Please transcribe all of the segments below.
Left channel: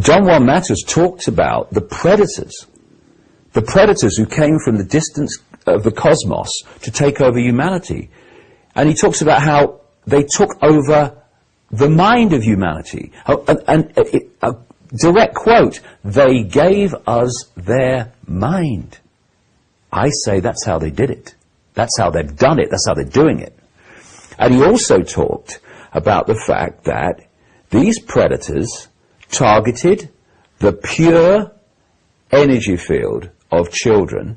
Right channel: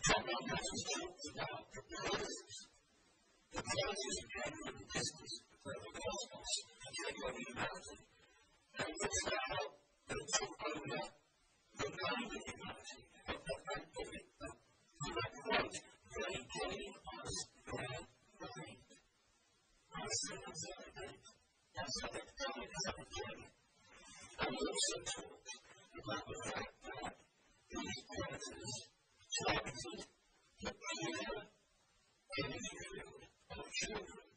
John Juan Matus talked about the predators who came from the distance of the cosmos to take over humanity. And he talks about how they took over the mind of humanity. And a direct quote, they gave us their mind. I say that's how they did it. That's how they've done it. That's how they're doing it. And he also talked about the fact that these predators targeted the pure energy field of children,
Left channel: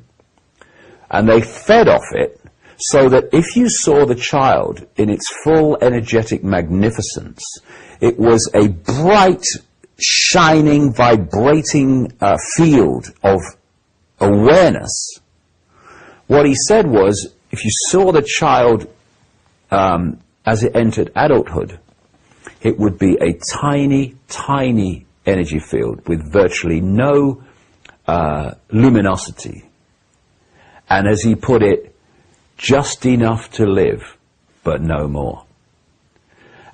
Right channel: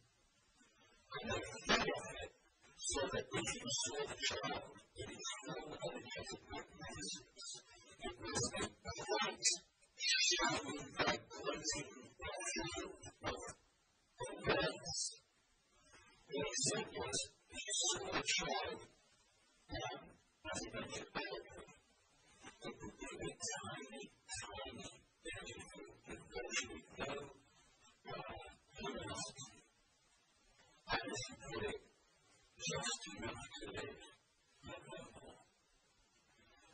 and they fed off it, so that if you saw the child in its full energetic magnificence, it was a bright, shining, vibrating field of awareness. What he said was, if you saw the child as it entered adulthood, it would be a tiny, tiny energy field with virtually no luminosity. And as he put it, just enough to live, but no more.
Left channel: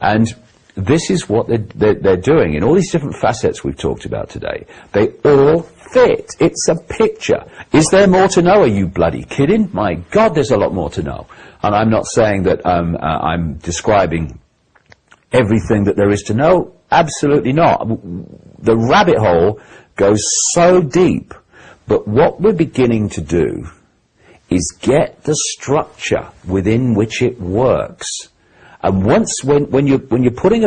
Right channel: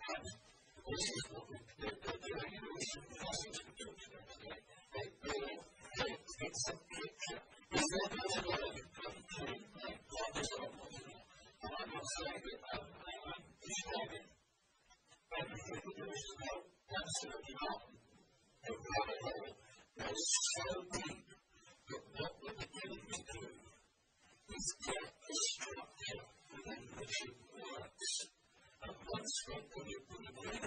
And this is what they're doing in all these different facets we've talked about today. They all fit. It's a picture. Is there more to know? Are you bloody kidding? My God, there's a lot more to know. And I'm not saying that I'm describing everything that there is to know. Absolutely not. The rabbit hole goes so deep. But what we're beginning to do is get the structure within which it works. And when you're putting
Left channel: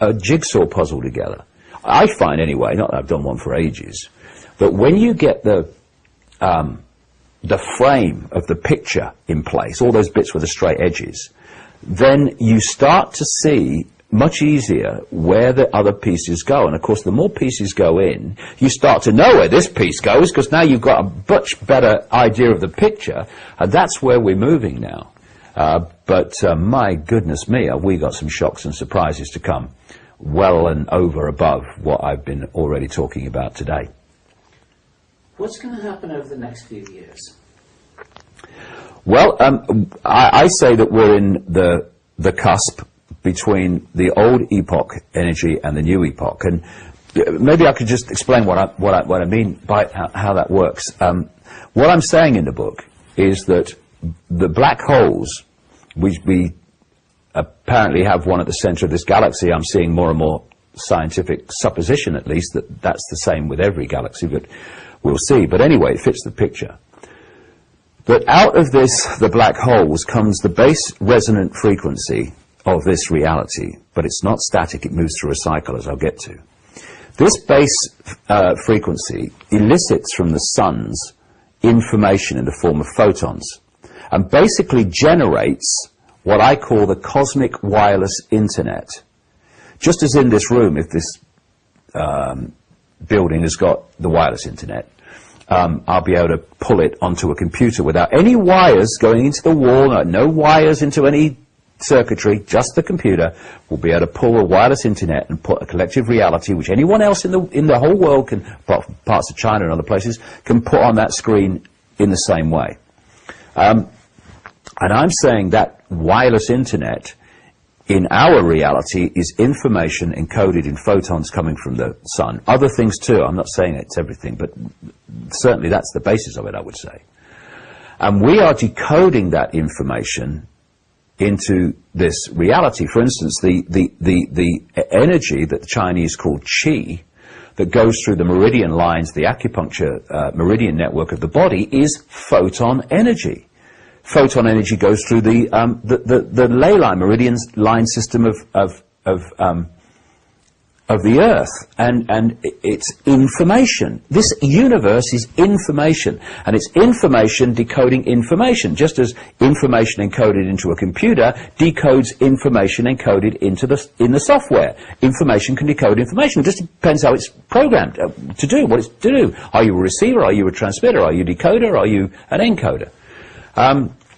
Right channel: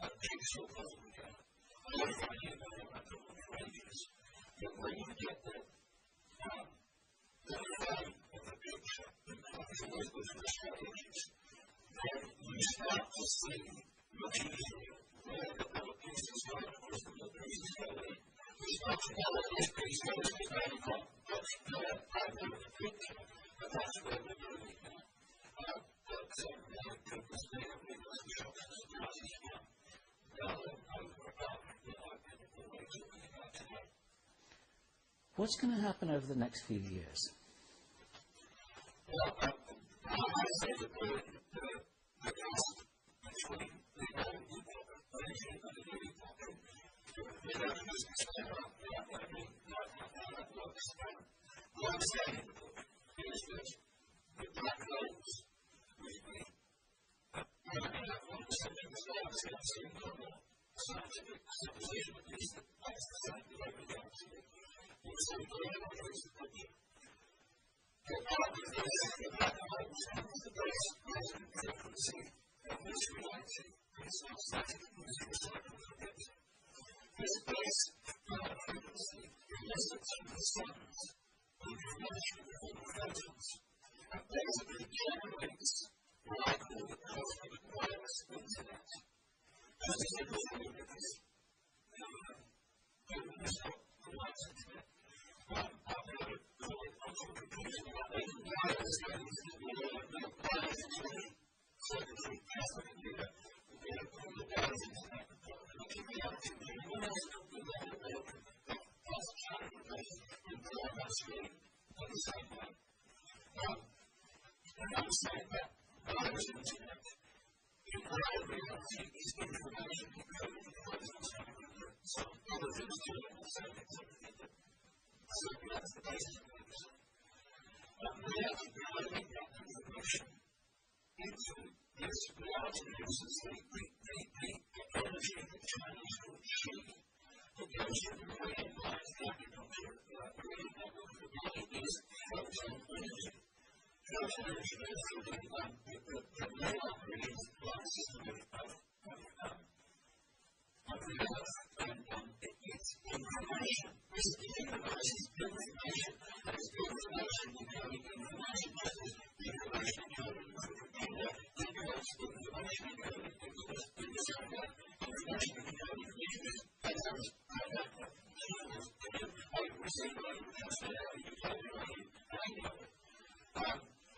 a jigsaw puzzle together, I find anyway, not that I've done one for ages, but when you get the frame of the picture in place, all those bits with the straight edges, then you start to see much easier where the other pieces go. And of course, the more pieces go in, you start to know where this piece goes, because now you've got a much better idea of the picture, and that's where we're moving now. But my goodness me, have we got some shocks and surprises to come, well and over above what I've been already talking about today. What's going to happen over the next few years? Well, I say that we're in the cusp between the old epoch energy and the new epoch, and maybe I could just explain what I mean by how that works. What I'm saying in the book is that the black holes, we apparently have one at the center of this galaxy. I'm seeing more and more scientific supposition, at least, that that's the same with every galaxy, but we'll see. But anyway, it fits the picture. That out of this, the black holes, comes the base resonant frequency of this reality, but it's not static, it moves through a cycle, as I'll get to. This base frequency elicits from the sun's information in the form of photons, and basically generates what I call the cosmic wireless internet. Just as in this room, if this building has got the wireless internet, I'll be able to pull it onto a computer without any wires going into the wall, no wires into any circuitry, just the computer will be able to pull a wireless internet and put a collective reality, which anyone else in the whole world can, apart from parts of China and other places, can put on that screen in the same way. And I'm saying that wireless internet in our reality is information encoded in photons coming from the sun. Other things too, I'm not saying it's everything, but certainly that's the basis of it, I would say. And we are decoding that information into this reality. For instance, the energy that the Chinese call qi, that goes through the meridian lines, the acupuncture meridian network of the body, is photon energy. Photon energy goes through the ley line, meridian line system of the Earth, and it's information. This universe is information, and it's information decoding information, just as information encoded into a computer decodes information encoded in the software. Information can decode information. It just depends how it's programmed to do what it's to do. Are you a receiver? Are you a transmitter? Are you a decoder? Are you an encoder?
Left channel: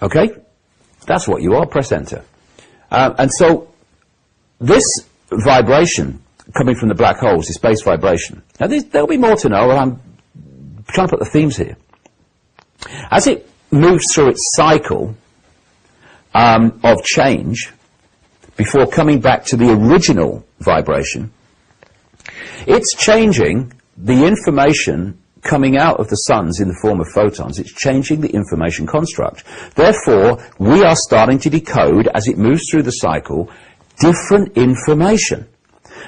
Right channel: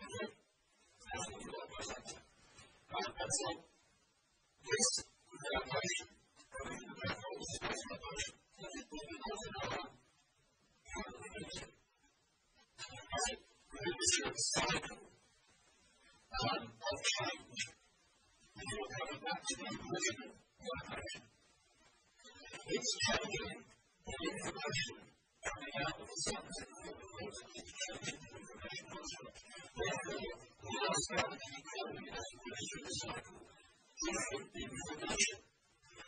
Okay, that's what you are. Press enter. And so this vibration coming from the black holes, this base vibration. Now, there'll be more to know, and I'm trying to put the themes here. As it moves through its cycle of change, before coming back to the original vibration, It's changing the information coming out of the suns in the form of photons. It's changing the information construct. Therefore, we are starting to decode, as it moves through the cycle, different information.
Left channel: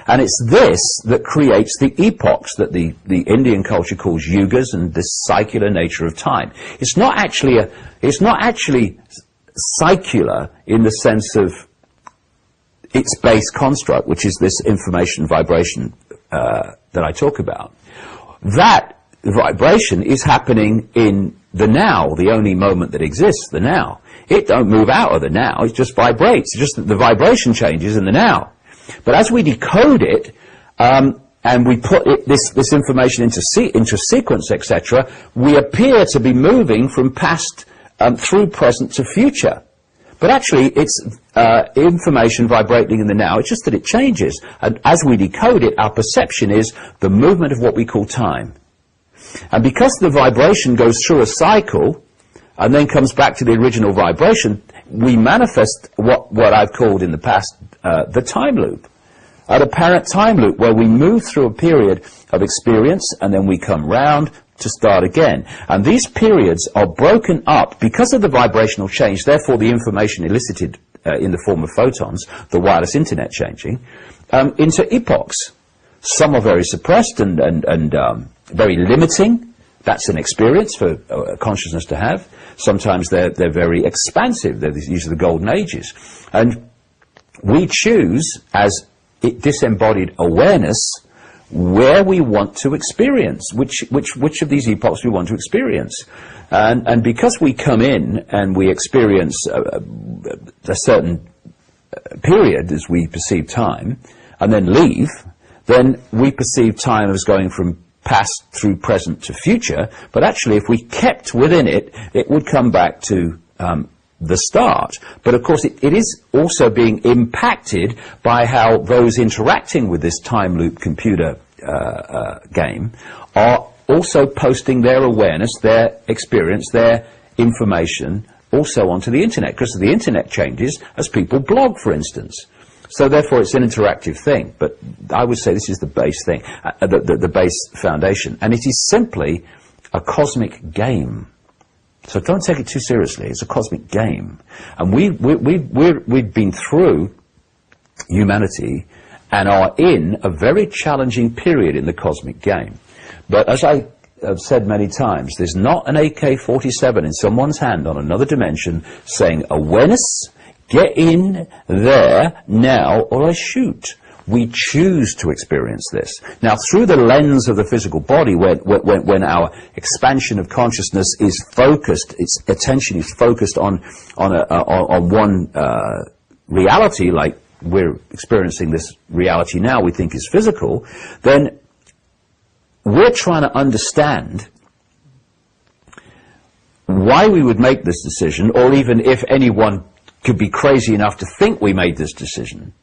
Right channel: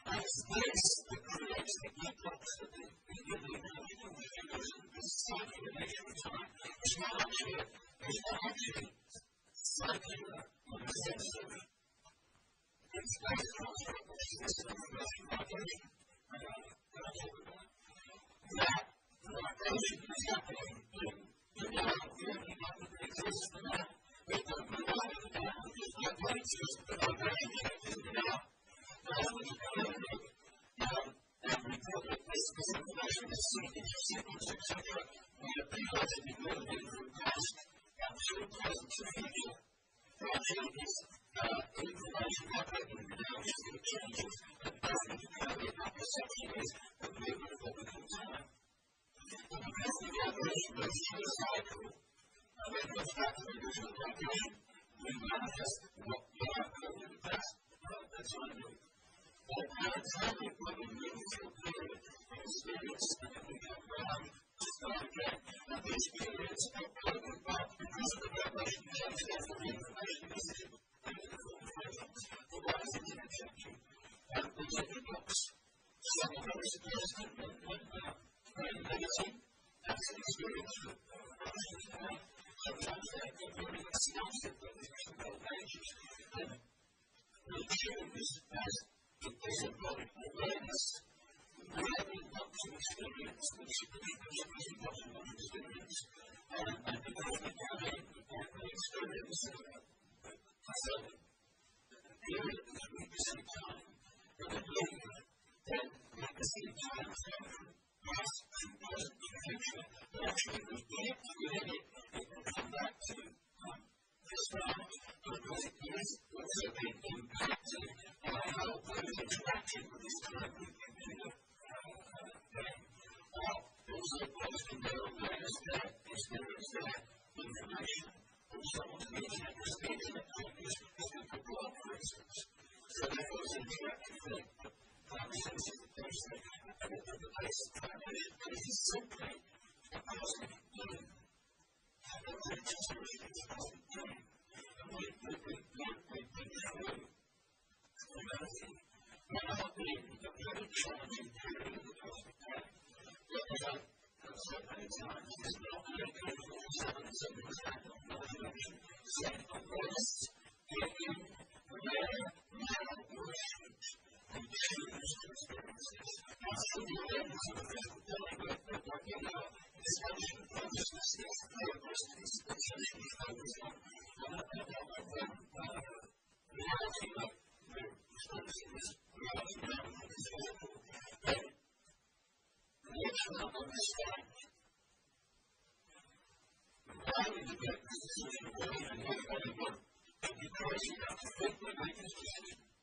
And it's this that creates the epochs that the Indian culture calls yugas, and this cycular nature of time. It's not actually cycular in the sense of its base construct, which is this information vibration that I talk about. That vibration is happening in the now, the only moment that exists, the now. It don't move out of the now, it just vibrates. It's just that the vibration changes in the now. But as we decode it, and we put this information into sequence, etc., we appear to be moving from past through present to future. But actually, it's information vibrating in the now. It's just that it changes. And as we decode it, our perception is the movement of what we call time. And because the vibration goes through a cycle and then comes back to the original vibration, we manifest what I've called in the past the time loop, an apparent time loop where we move through a period of experience and then we come round to start again. And these periods are broken up because of the vibrational change, therefore the information elicited in the form of photons, the wireless internet changing, into epochs. Some are very suppressed and very limiting. That's an experience for consciousness to have. Sometimes they're very expansive. These are the golden ages. And we choose, as disembodied awareness, where we want to experience, which of these epochs we want to experience. And because we come in and we experience a certain period as we perceive time, and then leave, then we perceive time as going from past through present to future, but actually if we kept within it, it would come back to the start. But of course it is also being impacted by how those interacting with this time loop computer game are also posting their awareness, their experience, their information also onto the internet, because the internet changes as people blog, for instance. So therefore it's an interactive thing, but I would say this is the base thing, the base foundation, and it is simply a cosmic game. So don't take it too seriously. It's a cosmic game, and we've been through humanity and are in a very challenging period in the cosmic game. But as I have said many times, there's not an AK-47 in someone's hand on another dimension saying, awareness, get in there now or I shoot. We choose to experience this. Now, through the lens of the physical body, when our expansion of consciousness is focused, its attention is focused on one reality, like we're experiencing this reality now we think is physical, then we're trying to understand why we would make this decision, or even if anyone could be crazy enough to think we made this decision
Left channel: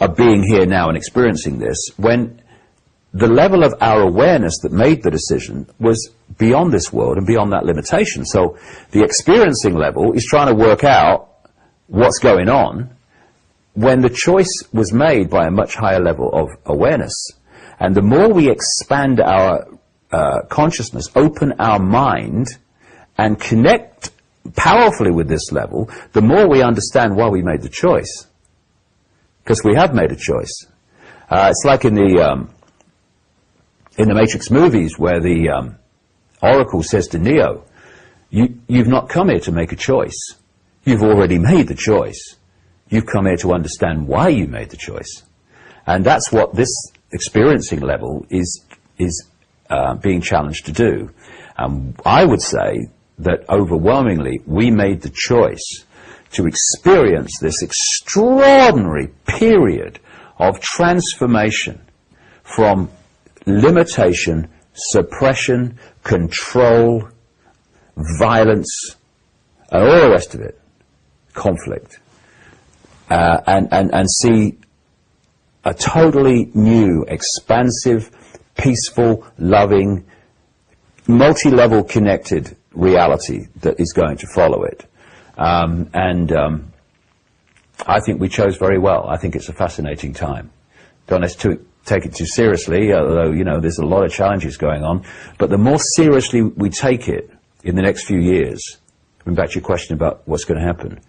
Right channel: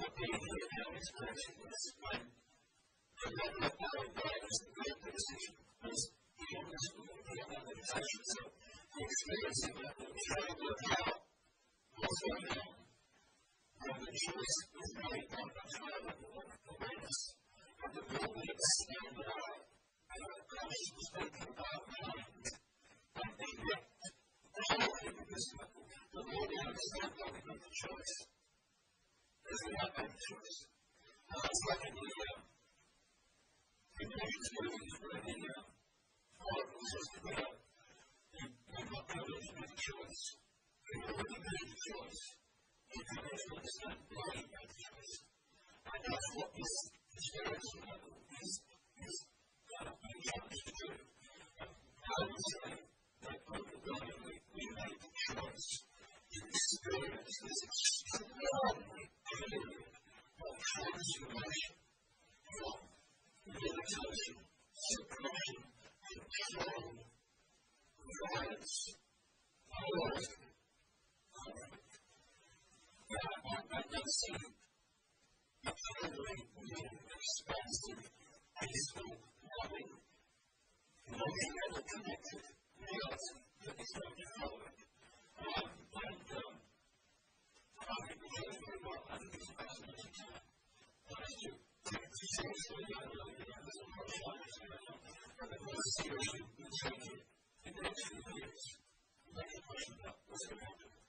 of being here now and experiencing this, when the level of our awareness that made the decision was beyond this world and beyond that limitation. So the experiencing level is trying to work out what's going on when the choice was made by a much higher level of awareness. And the more we expand our consciousness, open our mind, and connect powerfully with this level, the more we understand why we made the choice. Because we have made a choice. It's like in the Matrix movies where the Oracle says to Neo, you've not come here to make a choice. You've already made the choice. You've come here to understand why you made the choice. And that's what this experiencing level is being challenged to do. I would say that overwhelmingly we made the choice to experience this extraordinary period of transformation from limitation, suppression, control, violence, and all the rest of it, conflict, and see a totally new, expansive, peaceful, loving, multi-level connected reality that is going to follow it. I think we chose very well. I think it's a fascinating time. Don't let's take it too seriously, although, you know, there's a lot of challenges going on. But the more seriously we take it in the next few years, coming back to your question about what's going to happen,